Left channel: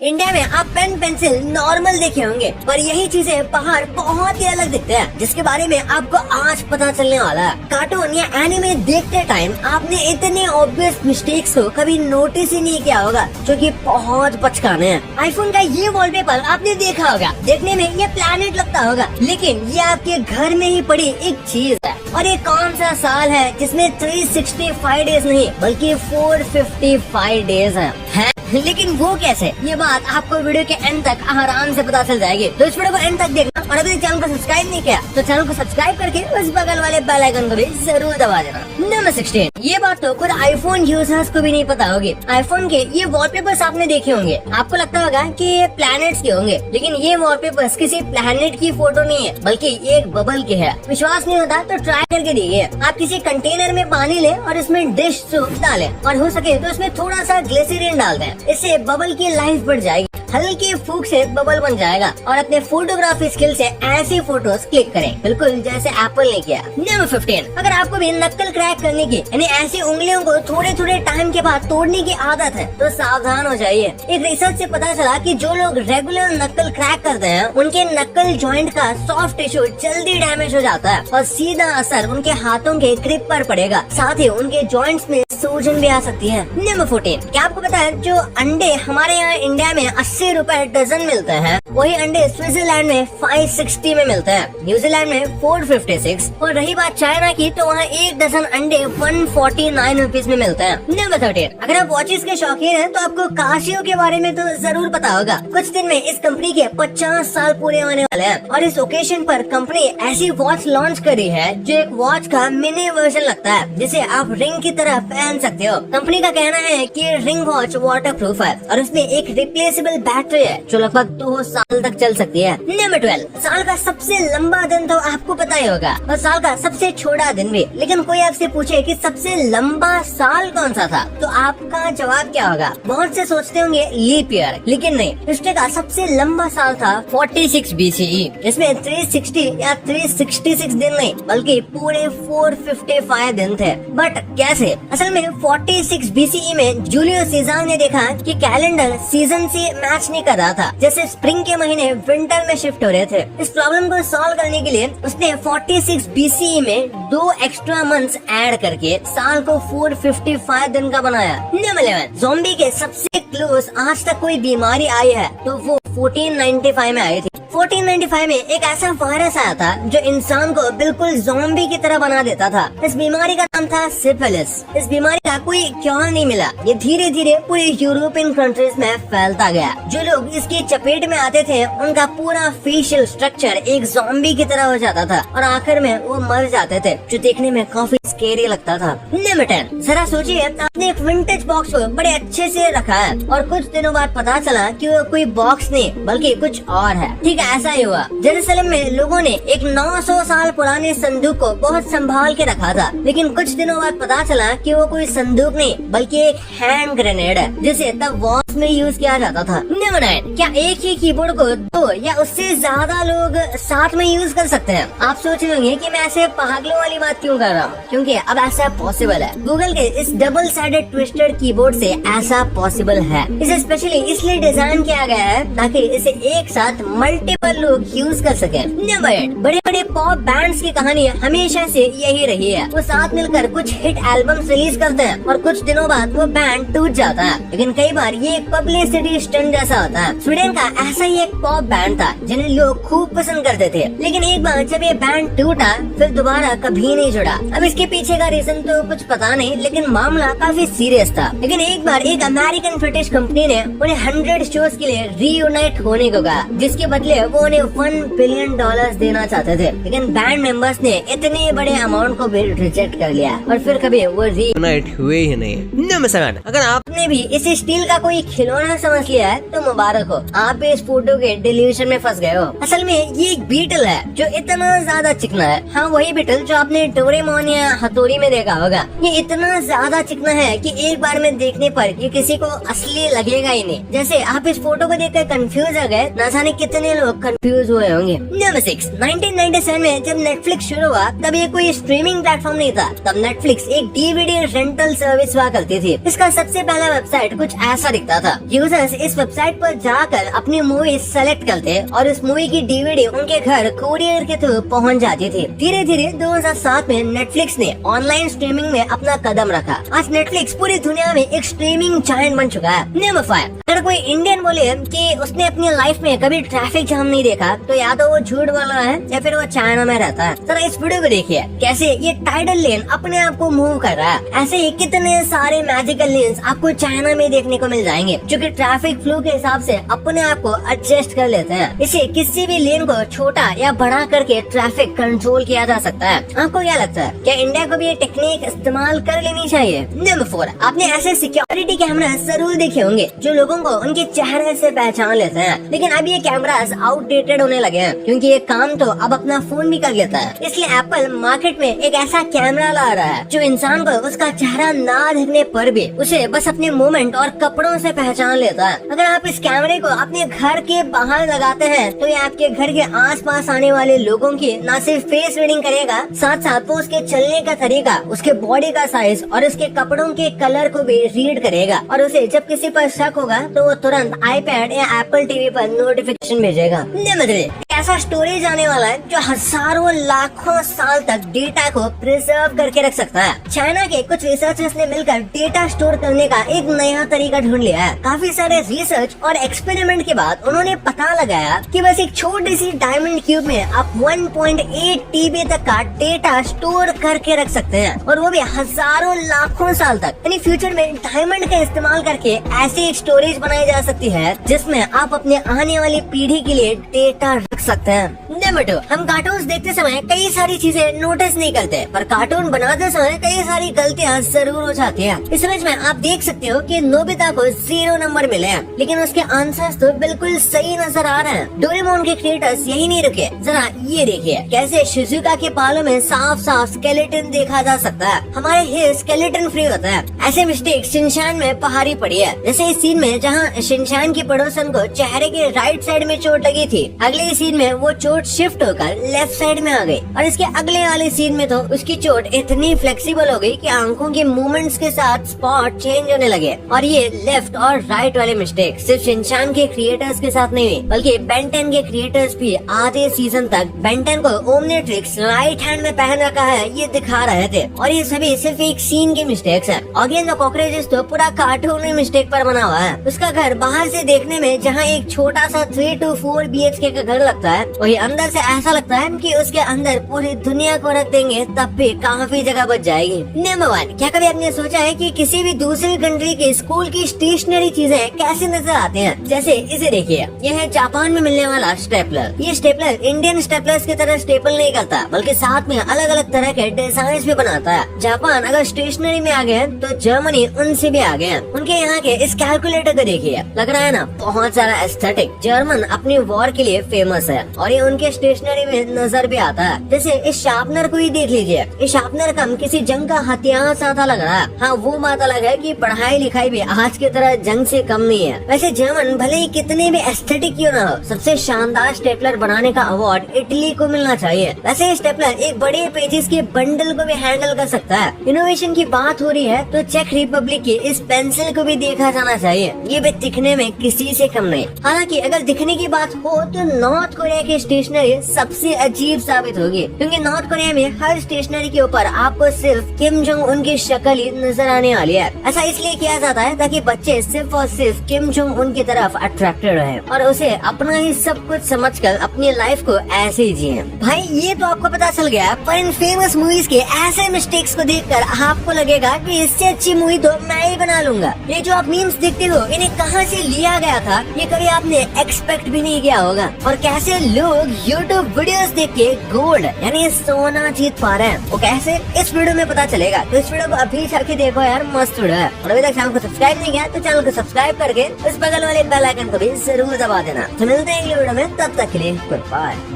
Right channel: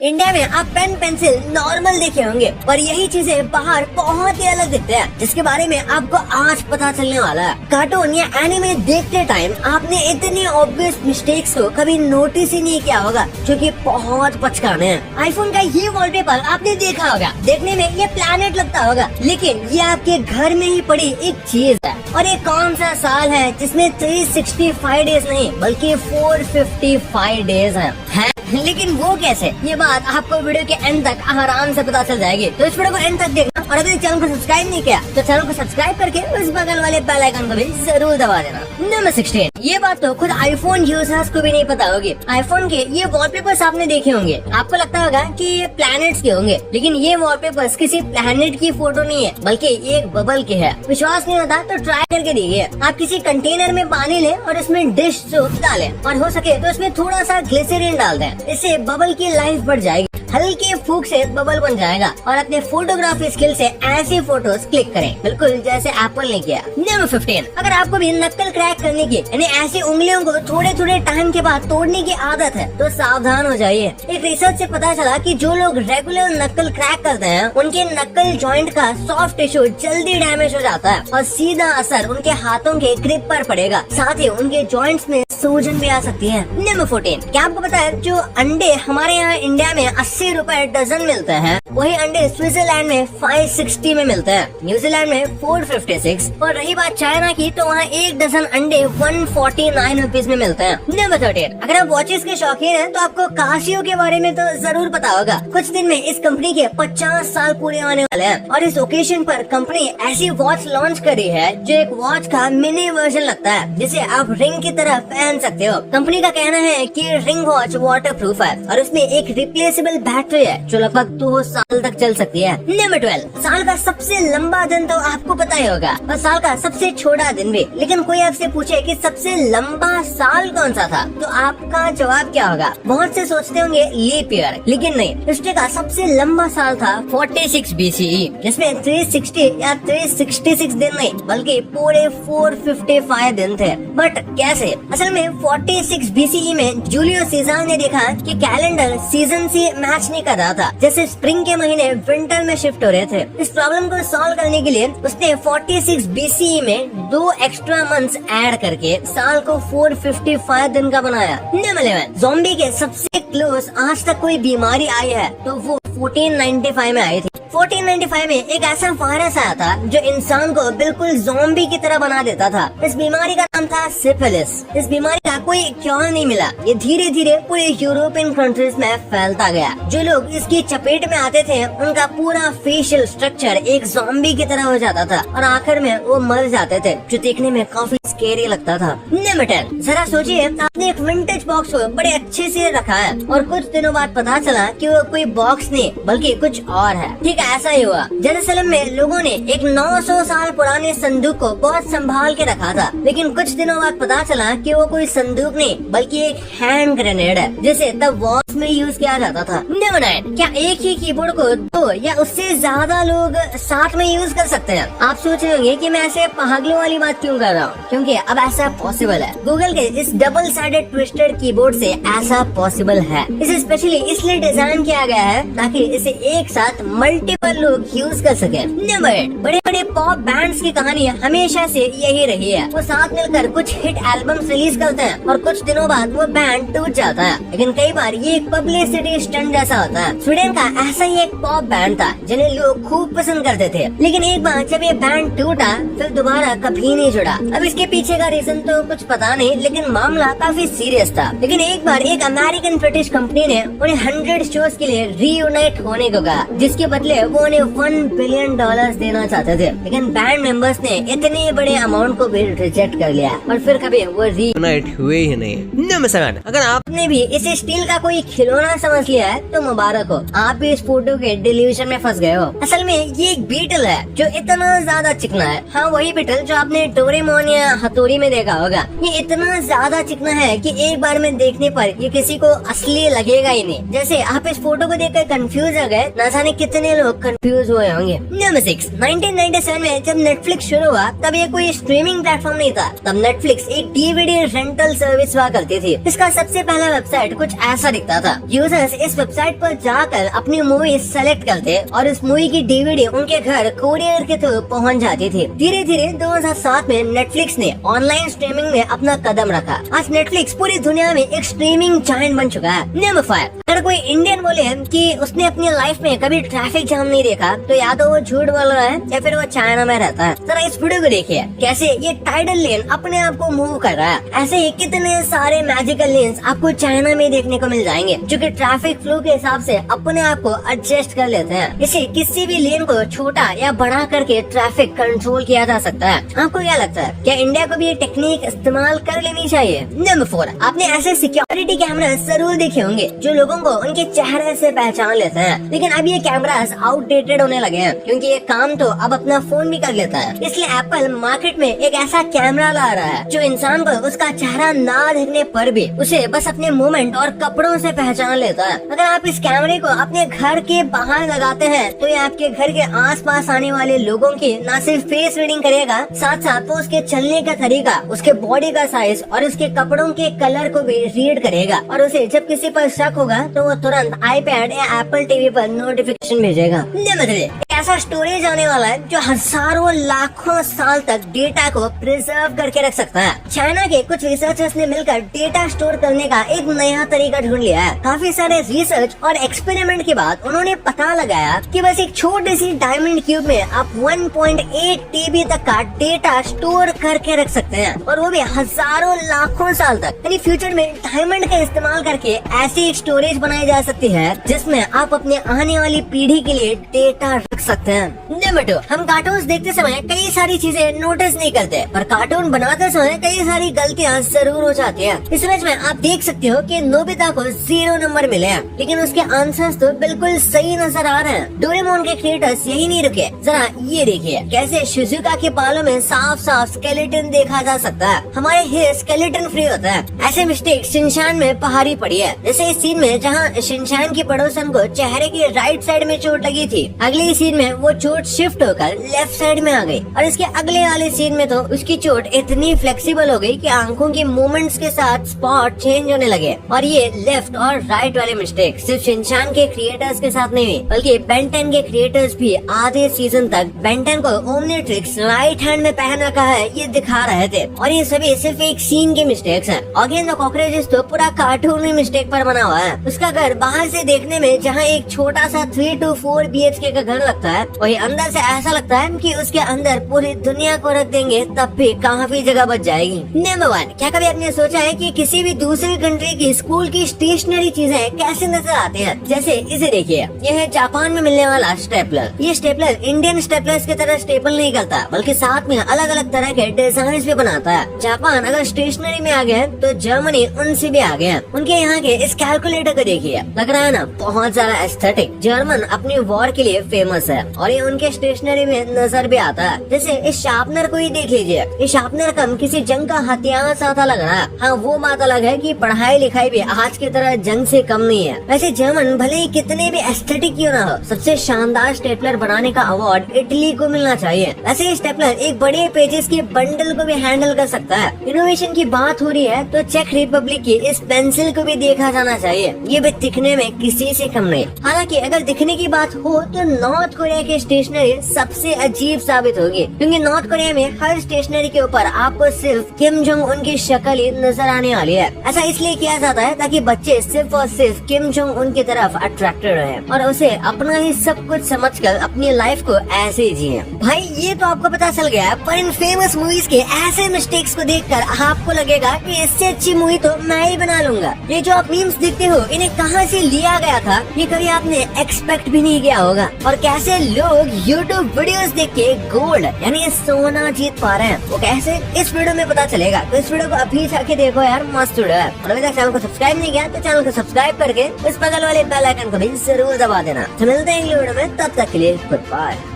India में आप pen pencil normal देखे होंगे, पर यही चीजें बाहर बहुत ही अलग दिखते हैं, जिसके बारे में आपको आज पता चलने वाला है। कार्टून या एनिमे देखते टाइम आपने इतने ऑब्वियस मिस्टेक्स को कभी नोटिस ही नहीं किया होगा, जो कि बहुत बचकाने हैं। आईफोन का ये वॉलपेपर आपने देखा होगा, देखने में ये प्लैनेट लगता होगा, लेकिन ये आपके घर में ही पड़ी एक चीज है। और ये कौन सा साल है जिसमें 365 डेज नहीं बल्कि 455 डेज है? लेकिन वो कैसे, ये बात आपको वीडियो के एंड तक आराम से पता चल जाएगी। तो इस वीडियो को एंड तक देखना, और अगर चैनल को सब्सक्राइब नहीं किया तो चैनल को सब्सक्राइब करके उस बगल वाले बेल आइकन को भी जरूर दबा देना। नंबर 16, ये बात तो खुद आईफोन यूजर्स को भी नहीं पता होगी। आईफोन के ये वॉलपेपर्स आपने देखे होंगे, आपको लगता होगा कि ये प्लैनेट्स के होंगे, लेकिन ये वॉलपेपर्स किसी प्लैनेट की फोटो नहीं है, बल्कि एक बबल के है। विश्वास नहीं होता तो ट्राई करके देखिए। आप किसी कंटेनर में पानी ले और इसमें डिश सोप डालें, और हो सके तो इसमें थोड़ा सा ग्लिसरीन डाल दें, इससे बबल की लाइफ बढ़ जाएगी। हल्के फूक से बबल बन जाएगा, और अपने फोटोग्राफी स्किल से ऐसी फोटोज क्लिक करें, बिल्कुल जैसे एप्पल ने किया। नंबर 15, अगर आपको भी नक्कल क्रैक करने की यानी ऐसी उंगलियों को थोड़े थोड़े टाइम के बाद तोड़ने की आदत है तो सावधान हो जाइए। एक रिसर्च से पता चला कि जो लोग रेगुलर नक्कल क्रैक करते हैं उनके नक्कल जॉइंट का सॉफ्ट टिश्यू जल्दी डैमेज हो जाता है, और सीधा असर उनके हाथों के ग्रिप पर पड़ेगा, साथ ही उनके जॉइंट्स में सूजन भी आ सकती है। नंबर 14, क्या आपको पता है जो अंडे हमारे यहाँ इंडिया में 80 रुपए डजन मिलते हैं, वही अंडे स्विट्जरलैंड में 560 में मिलते हैं, न्यूजीलैंड में 456, और रही बात चाइना की तो वहाँ एक डजन अंडे 149 रुपीज में मिलते हैं। नंबर 13, अगर आप वॉचेस के शौकीन हैं तो आपको कासियो के बारे में तो जरूर पता होगा। कुछ दिन में इस कंपनी के 50 साल पूरे होने वाले हैं, और इस ओकेजन पर कंपनी ऐसी वॉच लॉन्च करी है जो एक वॉच का मिनी वर्जन लगता है, जिसे आप रिंग की तरह पहन सकते हो। कंपनी का कहना है कि रिंग वॉच वाटर प्रूफ है, और उसमें एक रिप्लेसेबल बैटरी है जो लगभग 2 साल तक चल सकती है। नंबर 12, साल का सबसे लंबा दिन तो आपको पता ही होगा, और साल का सबसे छोटा दिन भी। लेकिन कोई आपसे पूछे कि सबसे लंबा साल कौन सा था, तो आपका जवाब क्या होगा? बहुत से सोचते होंगे लीप ईयर, लेकिन नहीं। हिस्ट्री का सबसे लंबा साल था 46 BCE, जिसमें 360 या 366 दिन नहीं बल्कि पूरे 455 दिन थे। बट कैसे? असल में 46 BCE में जूलियो सीजर ने देखा कि कैलेंडर सीजन से मैच नहीं कर रहा था, जैसे स्प्रिंग के महीने विंटर में शिफ्ट हो रहे थे। इस प्रॉब्लम को सॉल्व करने के लिए उसने 46 BCE में 2 एक्स्ट्रा मंथ्स ऐड करके साल को 455 दिन का बनाया। नंबर 11, ज़ॉम्बी के सबसे क्लोज आज तक कोई बीमारी आई है तो वो 1495 में आई थी। 1495 में एक ऐसा वायरस आया था जो इंसान को बिल्कुल ज़ॉम्बी की तरह बना देता था। इस बीमारी का नाम था सिफिलिस। इस बीमारी का कोई क्योर नहीं मिला, ये धीरे धीरे पूरे यूरोपियन कंट्रीज में फैलता गया। जो लोग इसकी चपेट में आते थे उनका पूरा फेशियल स्ट्रक्चर एक ज़ॉम्बी की तरह हो जाता था, और आखिर में वो मर जाते थे, जो देखने में काफी स्केरी लगता था। नंबर 10, जरा सोचिए आपने एक विंटेज बॉक्स को बड़े अच्छे से रखा है, और कुछ दिनों बाद पता चला कि वो कोई बॉक्स नहीं बल्कि कुछ और है। ठीक है, ऐसा ही हुआ। जेरूसलम में लोगों ने एक 900 साल पुराने संदूक को बहुत संभाल के रखा था, लेकिन कुछ दिनों बाद पता चला कि वो कोई संदूक नहीं बल्कि एक हैंड ग्रेनेड है, जिसे द वॉर्स में यूज किया जाता था। नंबर 9, क्या एक ही कीबोर्ड को 2 या उससे ज्यादा लोग साथ में यूज कर सकते हैं? आप सोच रहे होंगे कि मैं ऐसे पागलों वाली बात क्यों कर रहा हूँ, क्योंकि अब ऐसा पॉसिबल है। गूगल के इस डबल साइडेड ट्विस्टेड कीबोर्ड से ऐसा पॉसिबल है। इसे स्पेशली इसलिए डिजाइन किया गया है ताकि इसे एक साथ मल्टीपल लोग यूज कर सके। नंबर 8, बड़े बड़े पॉप बैंड्स की कहानी हमेशा से यही रही है। वो साथ मिलकर कुछ हिट एल्बम्स रिलीज करते हैं, और कुछ दिनों बाद वो बैंड टूट जाता है, लेकिन कई बार ये एक पब्लिसिटी स्टंट जैसा होता है। स्वीडन का ऐसा ही एक पॉप बैंड था जिन्हें लोग खूब पसंद करते थे, लेकिन एक बार जब ये बैंड टूटा फिर दोबारा कभी नहीं जुड़ा। अब इसके पीछे का रीजन तो कुछ पता नहीं, लेकिन मामला काफी सीरियस था। लेकिन एक बार एक अमेरिकन ब्रिटिश कंपनी ने उन्हें 100 शोज के लिए रीयूनाइट होने को कहा, जिसके बदले वो उन्हें $1 बिलियन देना चाहते थे, लेकिन बैंड मेंबर्स ने इतने बड़े अमाउंट को भी रिजेक्ट कर लिया, और फिर कभी वो रीयूनाइट हुए ही नहीं। नंबर 7, अगर आपने भी इसे स्टील का कोई खिलौना समझ लिया है तो मुबारक हो, आप भी इस फोटो के डिल्यूशन में फंस गए हो। असल में ये एक बीटल है जो इतना ज्यादा चिकना है। हाँ, वही बीटल जो आपने डोरेमोन या हथौड़ी में देखा होगा। ये इतना ज्यादा चिकना है कि एक बार में देखने पर ये किसी को असली लगेगा ही नहीं। जैसे आप इस फोटो को देखकर कंफ्यूज हो गए, न जाने कितने लोग लोग कंफ्यूज हुए होंगे। नंबर 6, 1997 में जब नेटफ्लिक्स शुरू हुआ तब ये कोई स्ट्रीमिंग प्लेटफॉर्म नहीं था। तब नेटफ्लिक्स एक डीवीडी रेंटल सर्विस हुआ करती थी। इसका सबसे पहला वेबसाइट कुछ ऐसा दिखता था। यूजर्स इस वेबसाइट पर जाकर अपनी मूवी सेलेक्ट करते और उस मूवी की डीवीडी उनके घर कोरियर के थ्रू पहुंच जाती थी। धीरे धीरे 2007 में नेटफ्लिक्स ने ऑनलाइन स्ट्रीमिंग में अपना कदम रखा। आज नेटफ्लिक्स पूरी दुनिया में एक स्ट्रीमिंग जायंट बन चुका है। नंबर 5, अगर कोई इंडियन बोले कि उसने अपनी लाइफ में कभी ट्रैफिक जाम नहीं देखा तो या तो वो झूठ बोल रहा है या फिर वो चाइना में रहता है। जरा इस वीडियो को देखिए कैसे ये टाइडल लेन अपने आप को मूव कर रहा है। ऐसे ही कितने सारे मैजिकल लेन्स आपको चाइना में देखने को मिल जाएंगे जो कि ट्रैफिक फ्लो के हिसाब से अपने आप को एडजस्ट कर लेते हैं। इसे किसी भी लेन को छोटा या बड़ा करके ट्रैफिक कंट्रोल किया जा सकता है। आपको क्या लगता है, क्या इंडिया को भी ये टेक्निक इस्तेमाल कर लेनी चाहिए? नंबर 4, आपने ऐसे सिक्योरिटी कैमरा जरूर देखे होंगे जो लोगों को उनके चेहरे से पहचान लेते हैं। लेकिन अब ये कैमरास आउटडेटेड होने लगे हैं क्योंकि ये काम तो अब अपना फोन भी कर लेता है। इसलिए एप्पल मार्केट में एक ऐसा कैमरा ला रहा है जो इंसान को उसका चेहरा ना देखने पर भी उसे बस अपने मूवमेंट और कपड़ों से पहचान लेता है। अगर आप इस कैमरे को अपने घर के बाहर लगाते हैं तो ये आपके घर के आसपास आने वाले लोगों की न सिर्फ फेस रीडिंग करेगा, साथ साथ वो उसके चलने का तरीका, उसके बॉडी का साइज और उसके कपड़ों के कलर को भी रीड करेगा। और उसे जब किसी पर शक होगा तो वो तुरंत आईपैड या एप्पल टीवी पर नोटिफिकेशन भेजेगा। ऐसा स्टोरेज आने वाला है जो हजारों लाखों साल तक डेटा को प्रिजर्व करके रख सकता है। चाइना के कुछ रिसर्चर्स ने मिलकर डेटा स्टोर करने का एक नया तरीका ढूंढ लिया है। काफी सारे रिसर्च और एक्सपेरिमेंट के बाद उन्होंने पता लगाया कि बस एक छोटी सी डायमंड क्यूब में आप 1.8 TB तक का डेटा स्टोर करके रख सकते हैं और वो भी हजारों लाखों साल तक। यानी फ्यूचर में डायमंड का इस्तेमाल करके ऐसी स्टोरेज बनाई जा सकती है जिसमें आप अपने आने वाली पीढ़ी के लिए डेटा रख सकते हैं। नंबर 2, हम कार्टून देखते समय कई सारी चीजें नोटिस नहीं करते पर कार्टून बनाते समय कई सारी गलतियां जरूर हो जाती हैं। इस इमेज में आप देख सकते हो कि नोबिता को 0 नंबर मिले हैं लेकिन उसके आंसर्स तो बिल्कुल सही नजर आ रहे हैं। डोरेमोन के क्रिएटर्स यही नहीं रुके, जरा ये देखिए कैसे शिजुका के बालों में साफ साफ स्केलेटन देखा जा सकता है। हमारे हेयर स्केलेटन फ्री होता है। ऐसे मिस्टेक शिनचान में पहाड़ी पड़ी है। जैसे इस सीन में जहाँ शिनचान की पड़ोसन को चेहरे के राइट साइड में चोट लगी थी, अगले सीन में वो चोट शिफ्ट होकर लेफ्ट साइड में आ गई और इसके अगले वाले सीन में तो उसकी चोट इतनी फ्लेक्सिबल हो गई कि आंखों के मूवमेंट्स के साथ स्पॉट चेंज होने लगे। और ये लेफ्ट और राइट वाले मिस्टेक सिर्फ शिनचान के क्रिएटर्स के साथ नहीं बल्कि बेन 10 के क्रिएटर्स भी आधे सीजन तक बेन 10 को ओमनिट्रिक्स राइट हैंड में पहन रखा है ये दिखा रहे थे। और ये सभी सिर्फ एक सीन की मिस्टेक्स है। ऑडियंस कॉकरोचेस तो पूरा कार्टून में मिस्टेक पर बना हुआ है। उसका घर बाहर से देखने में जहाँ एक छोटा सा 3 to 4 BHK का घर लगता है वही अंदर से ऐसा लगता है कि उसके अंदर पूरी दुनिया को रख देंगे तब भी काफी जगह बच जाएगी। नंबर 1, क्या कभी आपने सोचा है कि किसी भी दूसरे कंट्री की स्कूल की स्टेशनरी चीजें कैसे नजर आती हैं? जैसे इसे देखिए, यह है जापान में मिलने वाला स्टेपलर। ये स्टेपलर इंडियन स्टेपलर्स की तरह स्टेपल नहीं करता बल्कि साथ में अलग अलग तरह के डिजाइन भी बनाता है। जापान अगर स्टेशनरी में आ गए तो जर्मनी उनसे भी आगे है। उनके यहाँ के इस कैलकुलेटर को देखिए, लग रहा है ना बहुत ज्यादा एस्थेटिक। जर्मन अपनी वॉर के लिए फेमस है और ये उनके स्टेशनरी में नजर भी आता है। जैसे इस शार्पनर को ही देख लीजिए, ये शार्पनर कम किसी जंग का हथियार सा था लग रहा है। हाँ वो बात अलग है कि पढ़ाई लिखाई भी आज की तरह जंग से कम नहीं है। वैसे जर्मन भले ही कितने भी एस्थेटिक क्यों ना हो, सबसे शानदार स्टेपलर बनाने का अवार्ड इटली को मिलना चाहिए। वैसे स्टेपलर एक बड़े पेजेस के बंडल को भी हैंडल कर सकता है। इनोवेशन की बात हो रही है तो चेक रिपब्लिक की इस पेंसिल को भी देखा जाना चाहिए। ये भी दिखने में किसी से कम नहीं। हालांकि अगर दिखने की बात हो तो नॉर्थ कोरिया की स्टेशनरी सबसे अजीब साबित होगी क्योंकि नॉर्थ कोरिया में हर स्टेशनरी के ऊपर आपको सिर्फ किम जोंग उन की शक्ल ही नजर आने वाली है। ऐसा इसलिए किया जाता है ताकि बच्चे सिर्फ और सिर्फ किम जोंग उन की तरफ अट्रैक्टेड रहे और उसे अपना ही सब कुछ समझकर अपनी लाइफ को ऐसे ही जिए। भाई ये तो आपको पता चल गया, पर इन फेमस मूवीज के ऐसे मिस्टेक्स को देखकर आपको लगेगा कि इससे अच्छी मूवी तो मैं ही बना लूंगा। ये जो आप मीम्स देखते हो इन्हें कहाँ से लिया गया था ये कभी आपने एक्सपेक्ट भी नहीं किया होगा। और कैसे लोग YouTube वीडियोस देख के गोल्ड यानी सोना जीत पा रहे हैं वो कैसे, इस वीडियो में पता चलेगा। तो इस वीडियो को अभी जाके देखो यार, मस्त वीडियो है। और अभी तक चैनल को सब्सक्राइब नहीं किया तो चैनल को सब्सक्राइब करके उस बगल वाले बेल आइकन को भी जरूर दबा देना। तो मिलते हैं अगले वीडियो में, तब तक के लिए गुड बाय।